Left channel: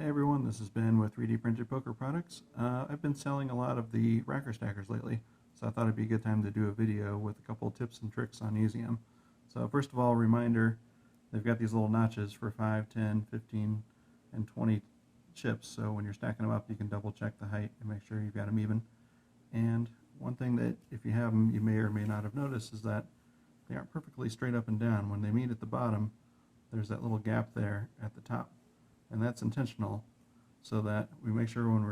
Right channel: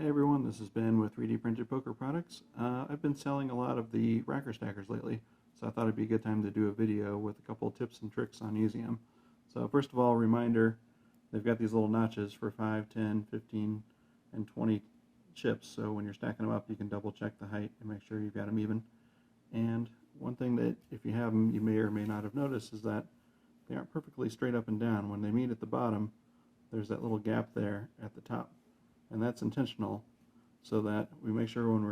Hey everyone, this is Ben with 3D Printed Poker Products. I've been selling a lot of the racker stackers lately, so I thought it'd be a good time to do a video with a couple tips and tricks on using them. So first of all, reminder, they've got these little notches for 5, 10, 15, and 20 chips, so when you're stacking them up you can double check the height and make sure you've got them even. And one thing that if you have them you may or may not have noticed is that they aren't perfectly straight up and down. When they meet at the bottom, there's that little gap there at the top. And that's intentional so that we make sure when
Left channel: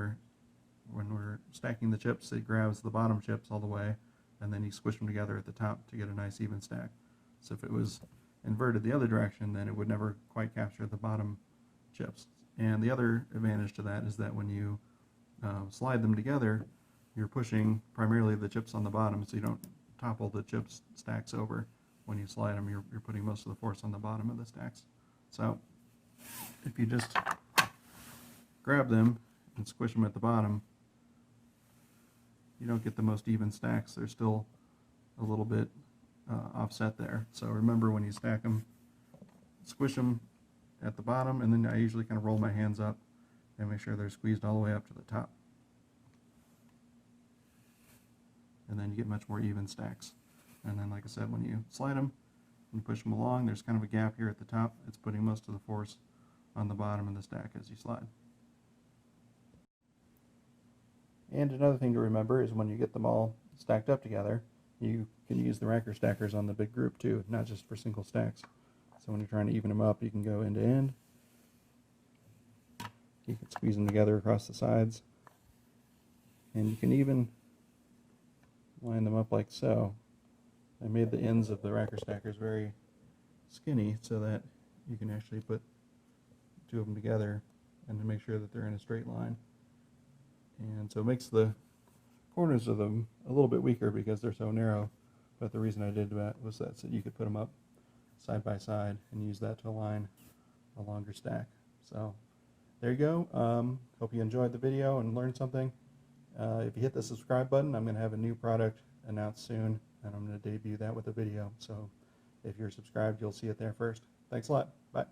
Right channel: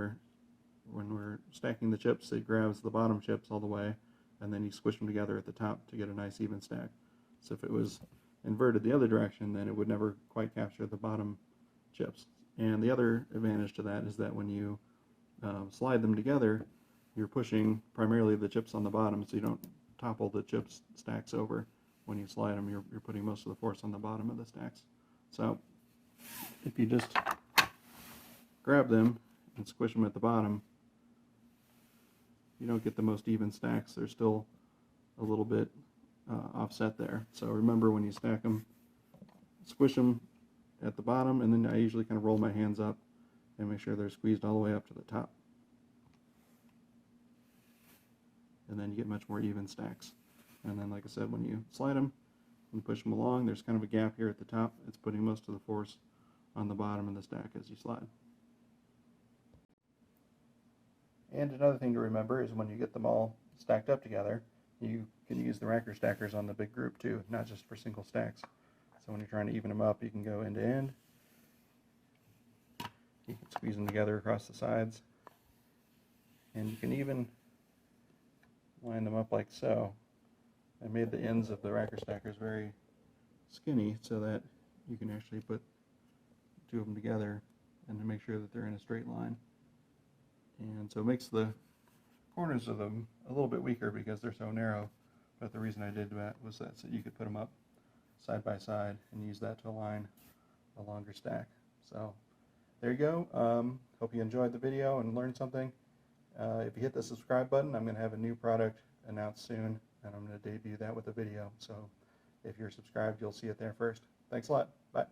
we're stacking the chips it grabs the bottom chips all the way, and then you squish them together at the top to get a nice even stack. So if it was inverted the other direction, then it would never quite capture the bottom chips. And the other advantage to that is that when you slide them together, you're pushing primarily the chips on the bottom, so you don't topple the chips stacks over. When you slide them, you're putting most of the force on the bottom of the stacks. So if you just grab them and squish them at the bottom, you don't get the most even stacks. They're still a little bit offset there. So remember, when you stack them, squish them at the bottom, and then I usually kind of roll my hands up and make sure they're squeezed all the way up to the top. And then you get much more even stacks. And then, like I said, when you slide them and push them along, there's kind of a gap here at the top. It's putting most of the force on the bottom of the stack as you slide. And another thing to remember is when you get them all stacked up together, you can use the racker stackers on the big group too, not just for single stacks. So when you're trying to even them up, you can go end to end. You can squeeze them together across the sides. And you can even line them up like so. I made the ends of the racker stackers very skinny so that you can actually put two of them together and to make sure that they're in a straight line. And so it makes the corners of them a little bit weaker because they're so narrow, but the reason I did that was that so you could put them up side by side and use that to align a longer stack. So there you go. Hope you enjoyed the video and learned something. If you hit the subscribe button, I'm going to have a new product announced soon, and I'm going to debut that with a video. So if you're subscribed, you'll see it there first. Thanks a lot. Bye.